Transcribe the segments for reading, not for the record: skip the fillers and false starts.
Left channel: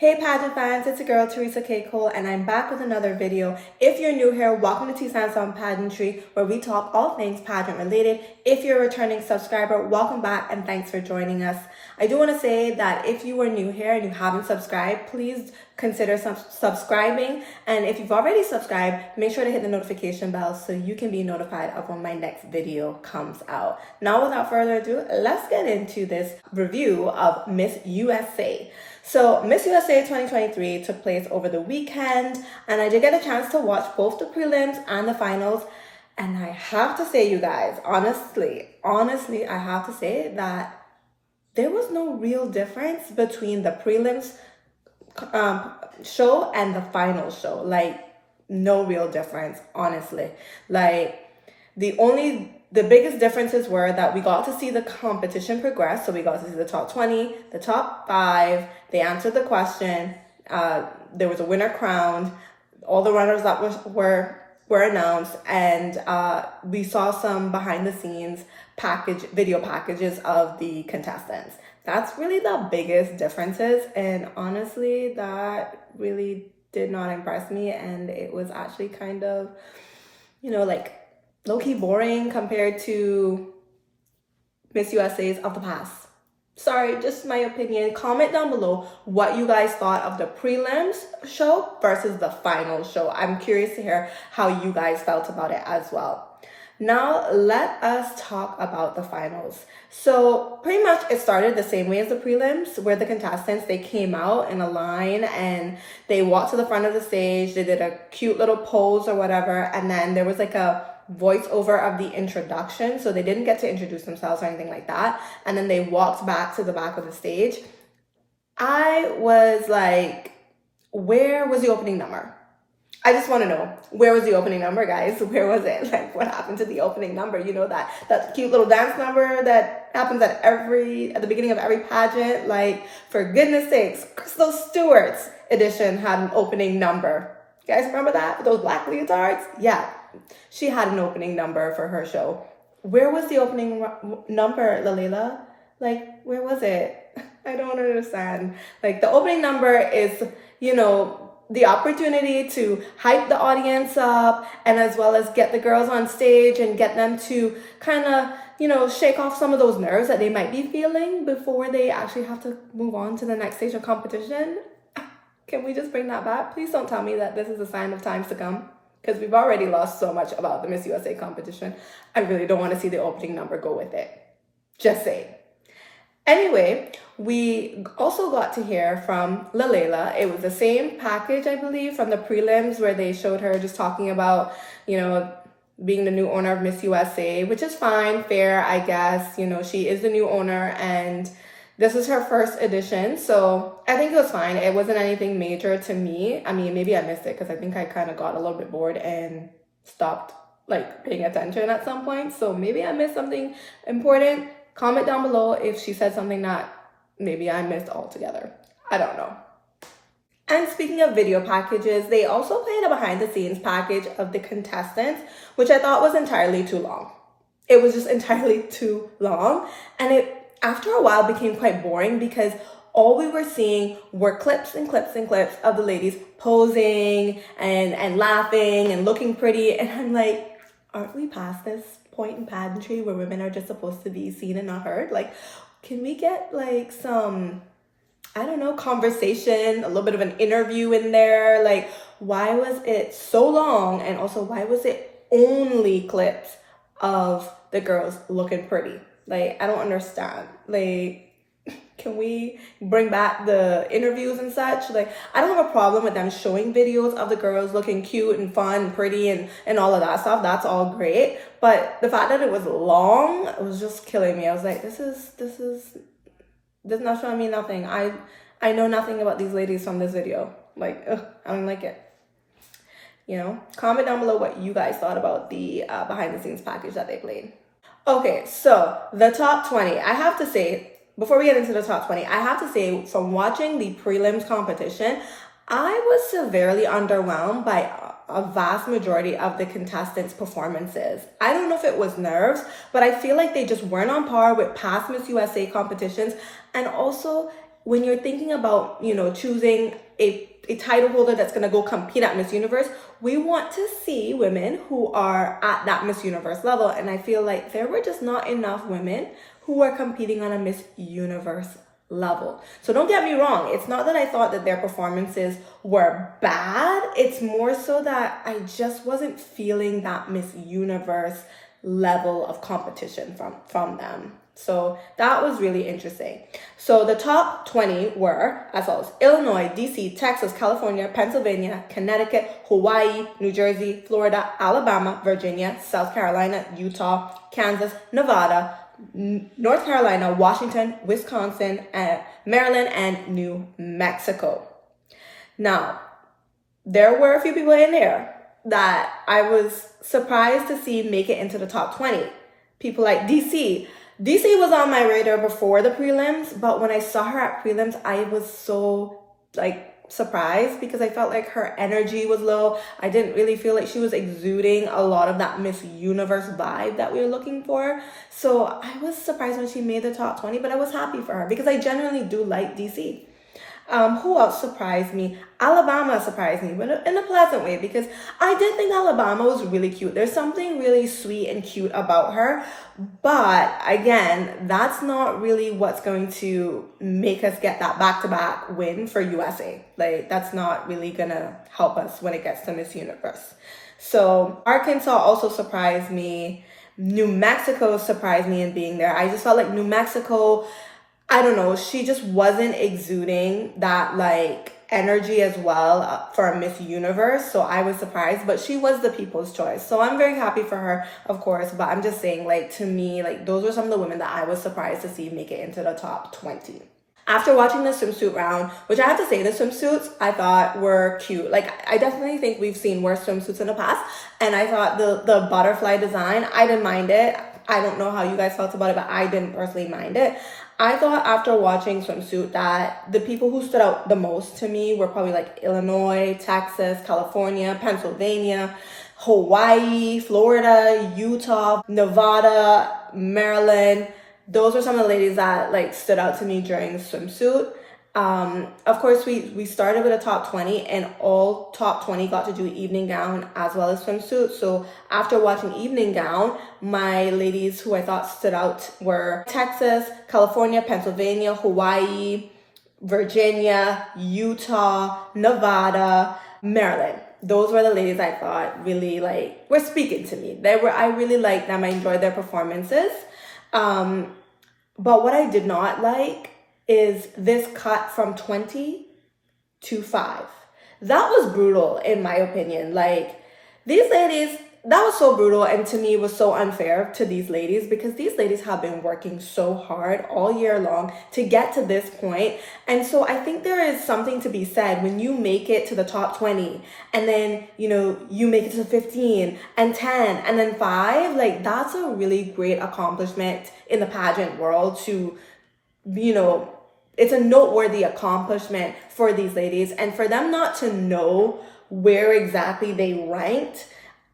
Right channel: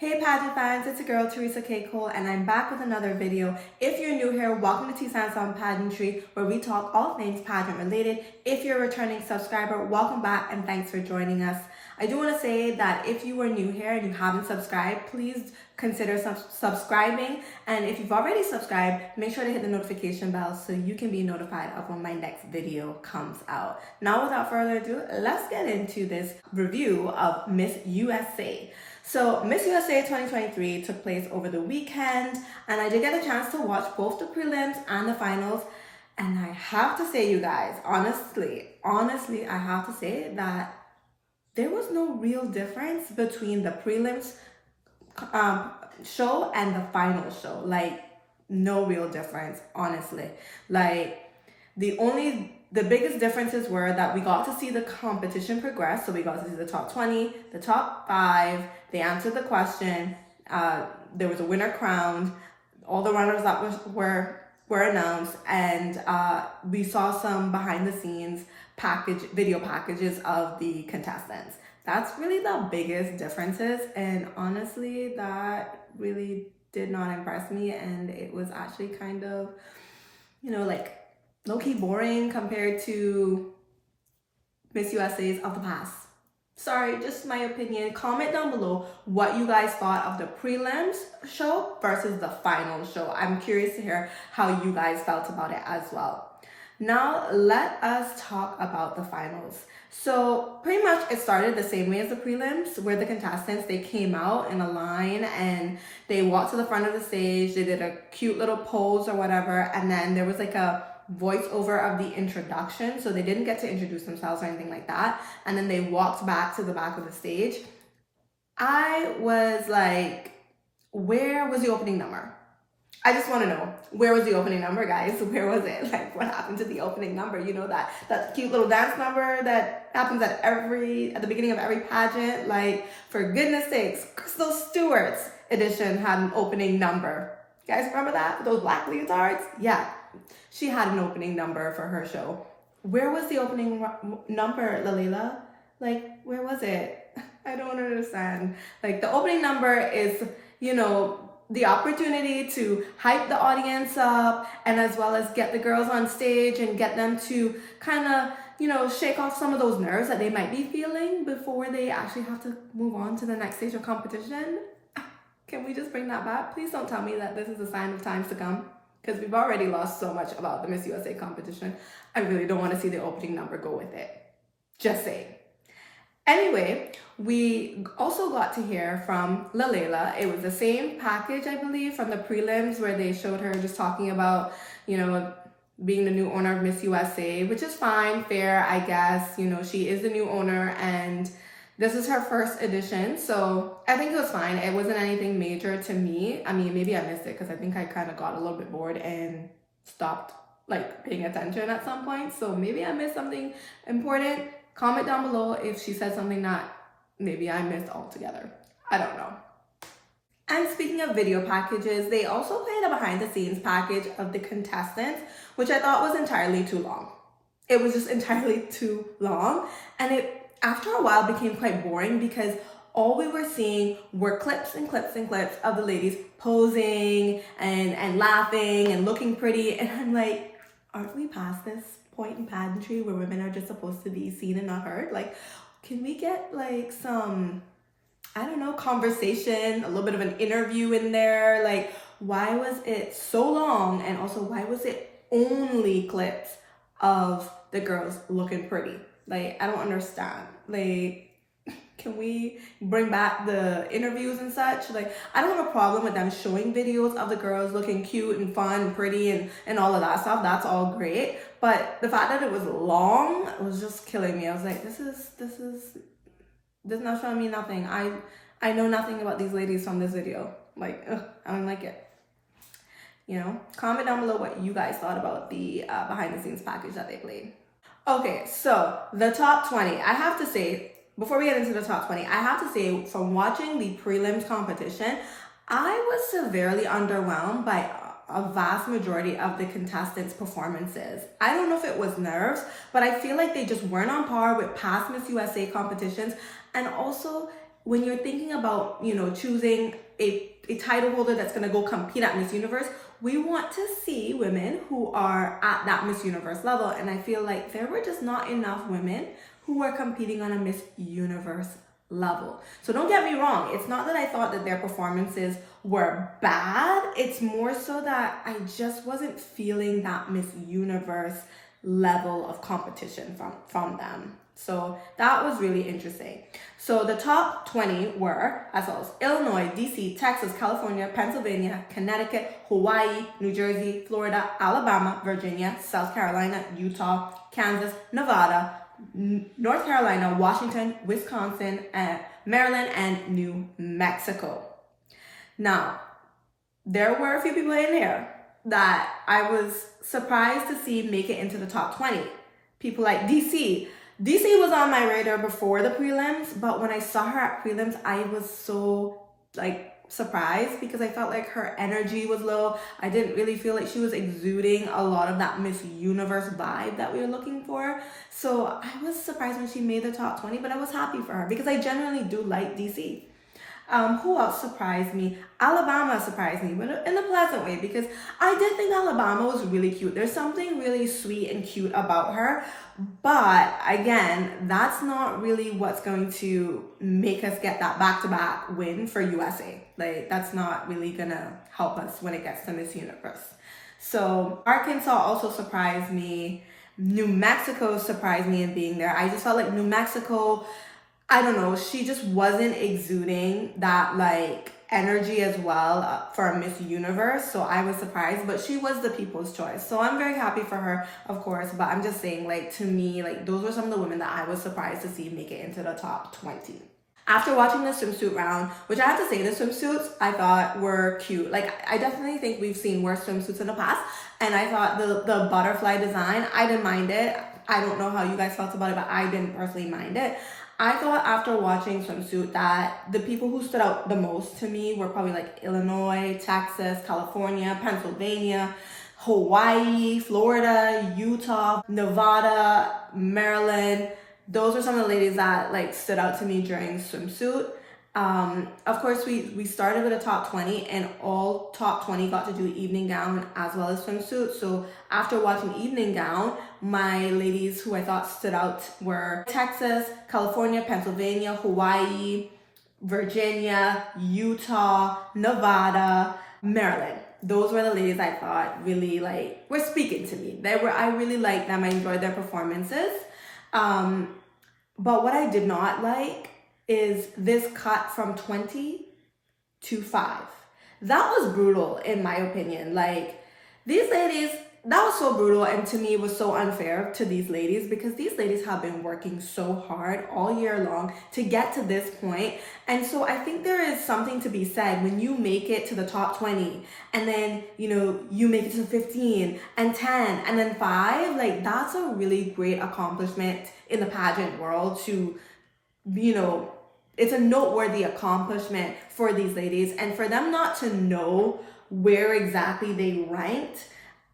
Hey pageant fans, it's your girl Theresa K and I'm back with another video. If you're new here, welcome to T Stands on Pageantry, where we talk all things pageant related. If you're a returning subscriber, welcome back and thanks for joining us. I do want to say that if you are new here and you haven't subscribed, please consider subscribing. And if you've already subscribed, make sure to hit the notification bell so you can be notified of when my next video comes out. Now, without further ado, let's get into this review of Miss USA. So Miss USA 2023 took place over the weekend, and I did get a chance to watch both the prelims and the finals. And I have to say, you guys, honestly, I have to say that there was no real difference between the prelims show and the final show. Like, no real difference, honestly. Like, the biggest differences were that we got to see the competition progress. So we got to see the top 20, the top 5. They answered the question. There was a winner crowned. All the runners that were announced, and we saw some behind the scenes video packages of the contestants. That's really the biggest differences, and honestly, that really did not impress me, and it was actually kind of, like low-key boring compared to Miss USA's of the past. Sorry, just my opinion. Comment down below what you guys thought of the prelims show versus the final show. I'm curious to hear how you guys felt about it as well. Now, let us talk about the finals. So pretty much it started the same way as the prelims, where the contestants, they came out in a line and they walked to the front of the stage. They did a cute little pose or whatever. And then there was like a voiceover of the introduction. So they didn't get to introduce themselves or anything like that. And then they walked back to the back of the stage. I was like, where was the opening number? I just want to know, where was the opening number, guys? Where was it? Like, what happened to the opening number? You know, that cute little dance number that happens at the beginning of every pageant. Like, for goodness sakes, Crystal Stewart's edition had an opening number. You guys remember that? With those black leotards? Yeah, she had an opening number for her show. Where was the opening number, Lalila? Like, where was it? I don't understand. Like, the opening number is, the opportunity to hype the audience up, and as well as get the girls on stage and get them to kind of, shake off some of those nerves that they might be feeling before they actually have to move on to the next stage of competition. Can we just bring that back? Please don't tell me that this is a sign of times to come, because we've already lost so much about the Miss USA competition. I really don't want to see the opening number go with it. Just saying. Anyway, we also got to hear from Lalila. It was the same package, I believe, from the prelims, where they showed her just talking about, being the new owner of Miss USA, which is fine, fair, I guess. She is the new owner, and this is her first edition. So I think it was fine. It wasn't anything major to me. I mean, maybe I missed it because I think I kind of got a little bit bored and stopped paying attention at some point. So maybe I missed something important. Comment down below if she said something that maybe I missed altogether. I don't know. And speaking of video packages, they also played a behind the scenes package of the contestants, which I thought was entirely too long. It was just entirely too long. And it, after a while, became quite boring because all we were seeing were clips and clips and clips of the ladies posing and laughing and looking pretty. And I'm like, aren't we past this point in pageantry where women are just supposed to be seen and not heard? Like, can we get some, I don't know, conversation, a little bit of an interview in there? Like, why was it so long? And also, why was it only clips of the girls looking pretty? Like, I don't understand. Like, can we bring back the interviews and such? Like, I don't have a problem with them showing videos of the girls looking cute and fun and pretty and all of that stuff. That's all great. But the fact that it was long, it was just killing me. I was like, this is not showing me nothing. I know nothing about these ladies from this video. Like, ugh, I don't like it. Comment down below what you guys thought about the behind the scenes package that they played. Okay, so the top 20, I have to say, before we get into the top 20, I have to say, from watching the prelims competition, I was severely underwhelmed by a vast majority of the contestants' performances. I don't know if it was nerves, but I feel like they just weren't on par with past Miss USA competitions. And also, when you're thinking about, you know, choosing a title holder that's going to go compete at Miss Universe, we want to see women who are at that Miss Universe level. And I feel like there were just not enough women who were competing on a Miss Universe level. So don't get me wrong. It's not that I thought that their performances were bad. It's more so that I just wasn't feeling that Miss Universe level of competition from them. So that was really interesting. So the top 20 were as follows: Illinois, DC, Texas, California, Pennsylvania, Connecticut, Hawaii, New Jersey, Florida, Alabama, Virginia, South Carolina, Utah, Kansas, Nevada, North Carolina, Washington, Wisconsin, and Maryland, and New Mexico. Now, there were a few people in there that I was surprised to see make it into the top 20. People like DC. DC was on my radar before the prelims, but when I saw her at prelims, I was so surprised because I felt like her energy was low. I didn't really feel like she was exuding a lot of that Miss Universe vibe that we were looking for. So I was surprised when she made the top 20, but I was happy for her because I genuinely do like DC. Who else surprised me? Alabama surprised me, but in a pleasant way, because I did think Alabama was really cute. There's something really sweet and cute about her. But again, that's not really what's going to make us get that back-to-back win for USA. Like, that's not really gonna help us when it gets to Miss Universe. So Arkansas also surprised me. New Mexico surprised me in being there. I just felt like New Mexico, I don't know, she just wasn't exuding that energy as well for a Miss Universe. So I was surprised, but she was the people's choice. So I'm very happy for her, of course, but I'm just saying, to me, those were some of the women that I was surprised to see make it into the top 20. After watching the swimsuit round, which I have to say, the swimsuits I thought were cute. I definitely think we've seen worse swimsuits in the past, and I thought the butterfly design, I didn't mind it. I don't know how you guys felt about it, but I didn't personally mind it. I thought after watching swimsuit that the people who stood out the most to me were probably Illinois, Texas, California, Pennsylvania, Hawaii, Florida, Utah, Nevada, Maryland. Those were some of the ladies that stood out to me during swimsuit. Of course, we started with a top 20, and all top 20 got to do evening gown as well as swimsuit. So after watching evening gown, my ladies who I thought stood out were Texas, California, Pennsylvania, Hawaii, Virginia, Utah, Nevada, Maryland. Those were the ladies I thought really were speaking to me. I really liked them. I enjoyed their performances. But what I did not like is this cut from 20 to 5. That was brutal, in my opinion. These ladies, that was so brutal, and to me it was so unfair to these ladies, because these ladies have been working so hard all year long to get to this point. And so I think there is something to be said when you make it to the top 20 and then you make it to 15 and 10 and then 5. That's a really great accomplishment in the pageant world. To it's a noteworthy accomplishment for these ladies, and for them not to know where exactly they ranked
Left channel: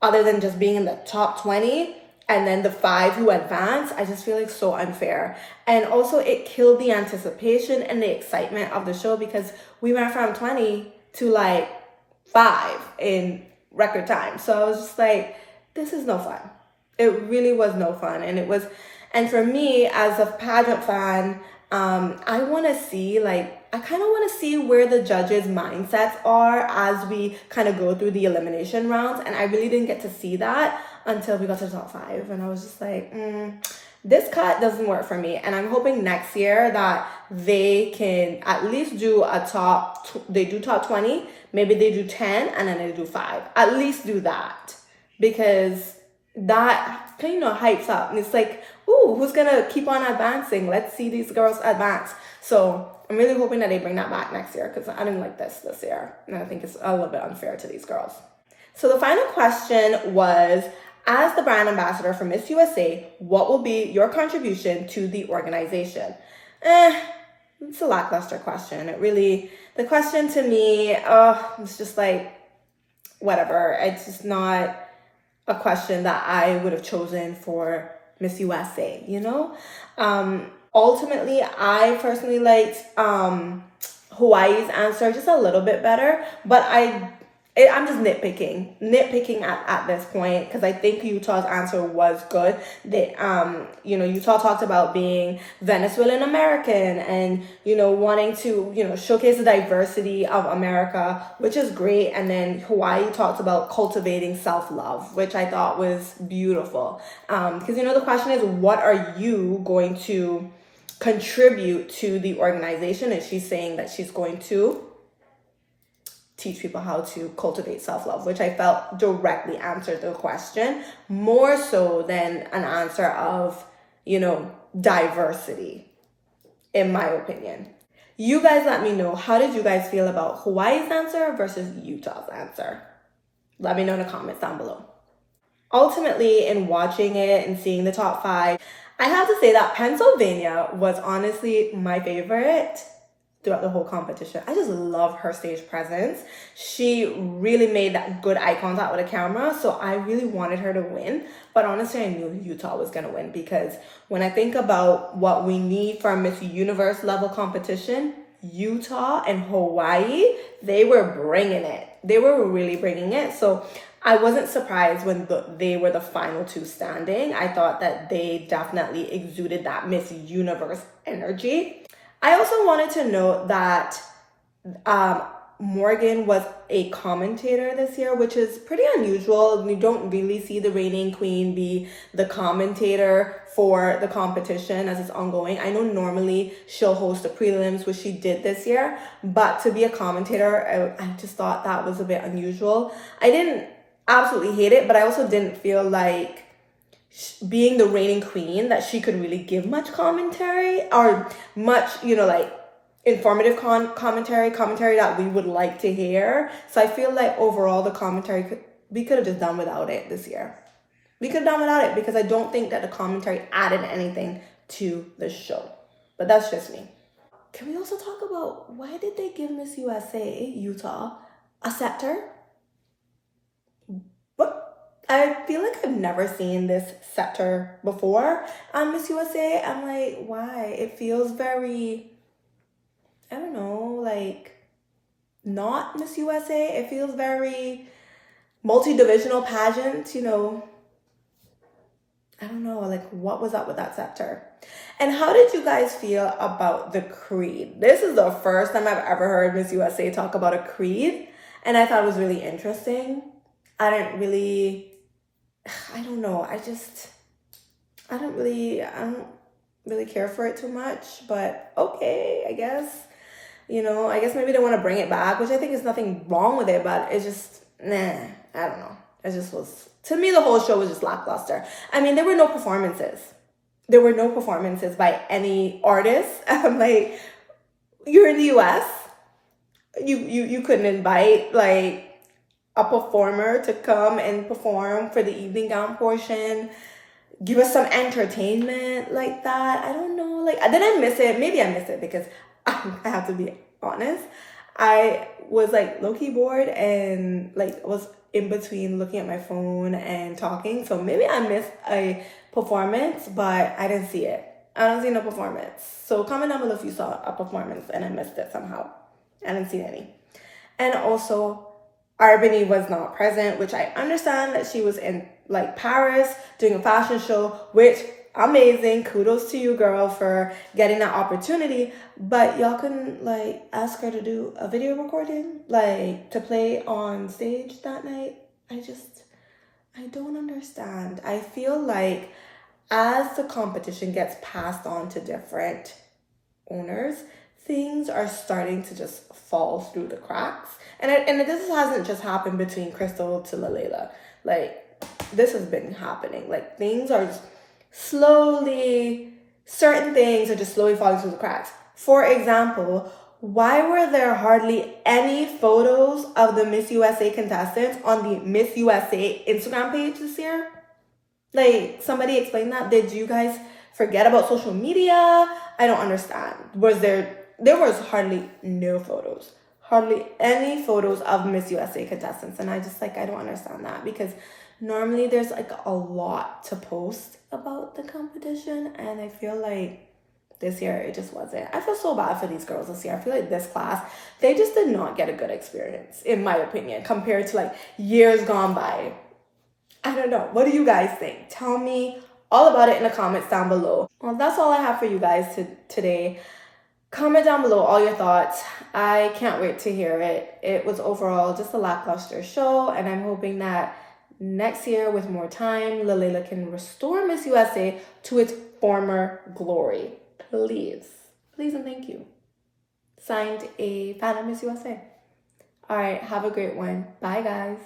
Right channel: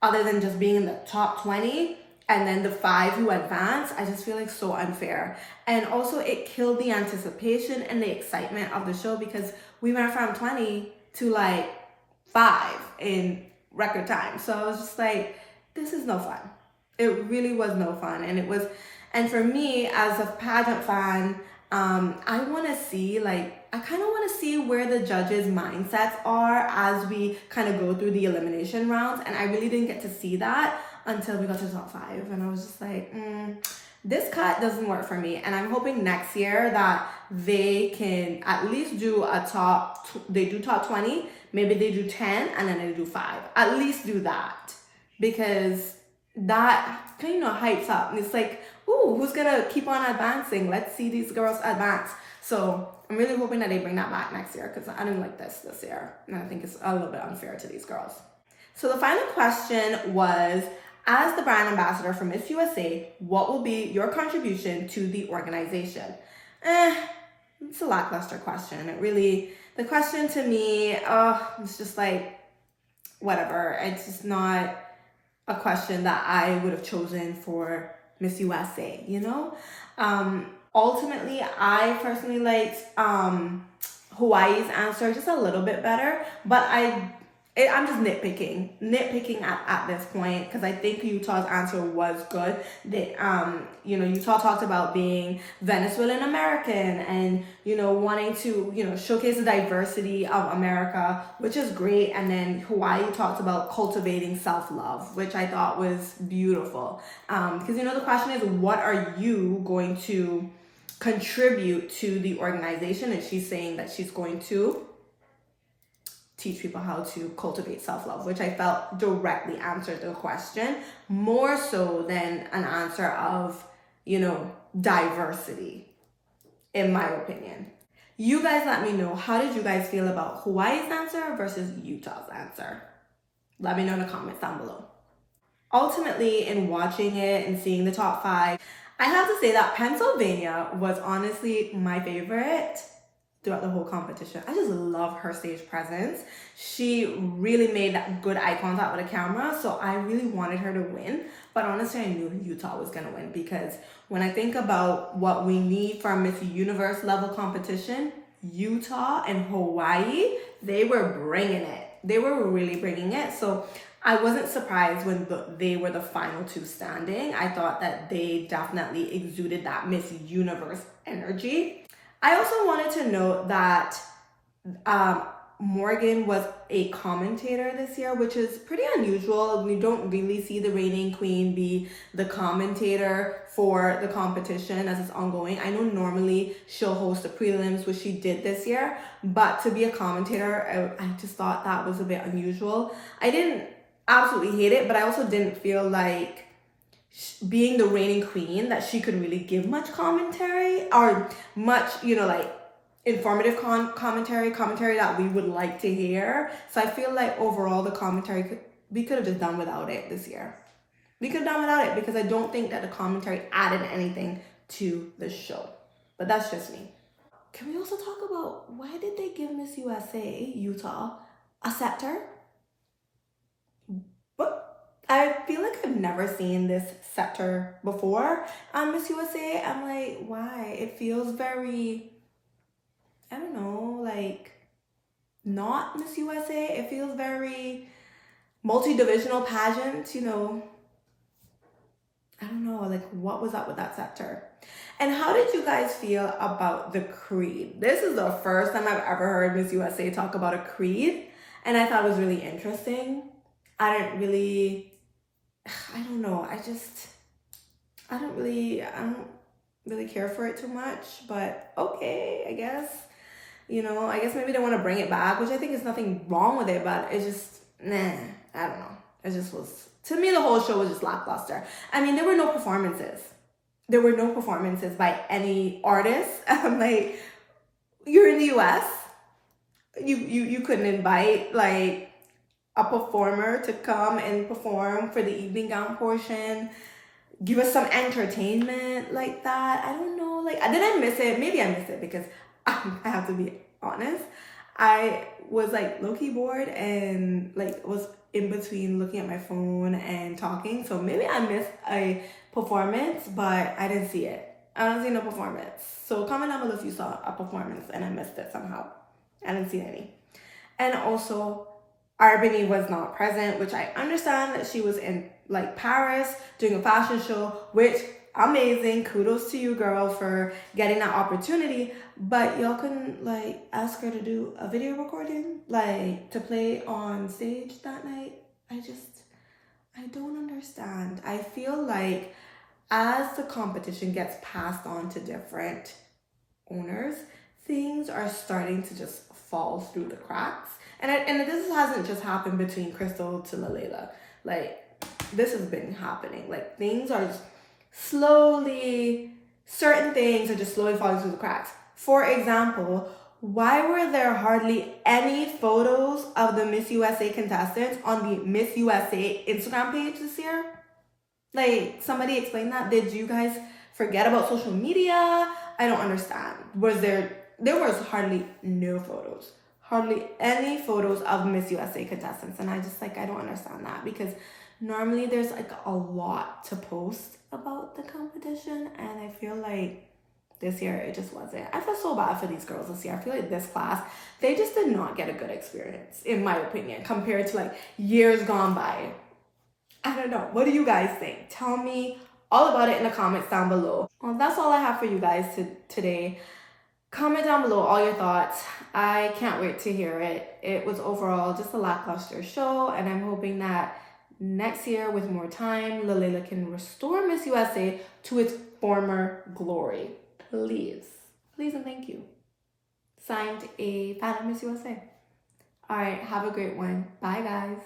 other than just being in the top 20 and then the 5 who advance, I just feel so unfair. And also it killed the anticipation and the excitement of the show, because we went from 20 to 5 in record time. So I was just this is no fun. It really was no fun. And for me as a pageant fan, I want to see, I kind of want to see where the judges' mindsets are as we kind of go through the elimination rounds. And I really didn't get to see that until we got to the top 5. And I was just this cut doesn't work for me. And I'm hoping next year that they can at least do they do top 20, maybe they do 10, and then they do 5. At least do that. Because that kind of hypes up. And it's ooh, who's gonna keep on advancing? Let's see these girls advance. So I'm really hoping that they bring that back next year, because I didn't like this year. And I think it's a little bit unfair to these girls. So the final question was, as the brand ambassador for Miss USA, what will be your contribution to the organization? It's a lackluster question. The question to me, it's just whatever. It's just not a question that I would have chosen for Miss USA, Ultimately, I personally liked Hawaii's answer just a little bit better, but I'm just nitpicking at this point because I think Utah's answer was good. They Utah talked about being Venezuelan American and wanting to showcase the diversity of America, which is great. And then Hawaii talked about cultivating self-love, which I thought was beautiful. Because the question is, what are you going to contribute to the organization? And she's saying that she's going to teach people how to cultivate self-love, which I felt directly answered the question more so than an answer of, diversity, in my opinion. You guys let me know, how did you guys feel about Hawaii's answer versus Utah's answer? Let me know in the comments down below. Ultimately, in watching it and seeing the top 5, I have to say that Pennsylvania was honestly my favorite throughout the whole competition. I just love her stage presence. She really made that good eye contact with the camera, so I really wanted her to win. But honestly, I knew Utah was gonna win because when I think about what we need for a Miss Universe level competition, Utah and Hawaii, they were bringing it. They were really bringing it. So I wasn't surprised when they were the final 2 standing. I thought that they definitely exuded that Miss Universe energy. I also wanted to note that Morgan was a commentator this year, which is pretty unusual. We don't really see the reigning queen be the commentator for the competition as it's ongoing. I know normally she'll host the prelims, which she did this year, but to be a commentator, I just thought that was a bit unusual. I didn't absolutely hate it, but I also didn't feel like being the reigning queen that she could really give much commentary or much, informative commentary that we would like to hear. So I feel like overall the commentary, we could have just done without it this year. We could have done without it because I don't think that the commentary added anything to the show. But that's just me. Can we also talk about why did they give Miss USA, Utah, a scepter? I feel like I've never seen this scepter before on Miss USA. I'm like, why? It feels very, I don't know, like not Miss USA. It feels very multi-divisional pageant, I don't know, like what was up with that scepter? And how did you guys feel about the creed? This is the first time I've ever heard Miss USA talk about a creed, and I thought it was really interesting. I don't really care for it too much, but okay, I guess. I guess maybe they want to bring it back, which I think is nothing wrong with it, but it's just, I don't know. It just was, to me, the whole show was just lackluster. I mean, there were no performances. There were no performances by any artists. Like, you're in the US. You couldn't invite, like, a performer to come and perform for the evening gown portion, give us some entertainment like that. I don't know, like, did I miss it? Maybe I missed it because I have to be honest. I was like low-key bored and like was in between looking at my phone and talking. So maybe I missed a performance, but I didn't see it. I don't see no performance. So comment down below if you saw a performance and I missed it somehow. I didn't see any. And also, Arbany was not present, which I understand that she was in like Paris doing a fashion show, which amazing. Kudos to you, girl, for getting that opportunity. But y'all couldn't like ask her to do a video recording, like to play on stage that night. I don't understand. I feel like as the competition gets passed on to different owners, things are starting to just fall through the cracks. And this hasn't just happened between Crystal to Lalela. Like, this has been happening. Like, certain things are just slowly falling through the cracks. For example, why were there hardly any photos of the Miss USA contestants on the Miss USA Instagram page this year? Like, somebody explain that. Did you guys forget about social media? I don't understand. There was hardly no photos. Hardly any photos of Miss USA contestants. And I don't understand that because normally there's like a lot to post about the competition. And I feel like This year, it just wasn't. I feel so bad for these girls this year. I feel like this class, they just did not get a good experience, in my opinion, compared to like years gone by. I don't know. What do you guys think? Tell me all about it in the comments down below. Well, that's all I have for you guys today. Comment down below all your thoughts. I can't wait to hear it. It was overall just a lackluster show, and I'm hoping that next year, with more time, Lalela can restore Miss USA to its former glory. Please. Please and thank you. Signed, a fan of Miss USA. All right, have a great one. Bye, guys.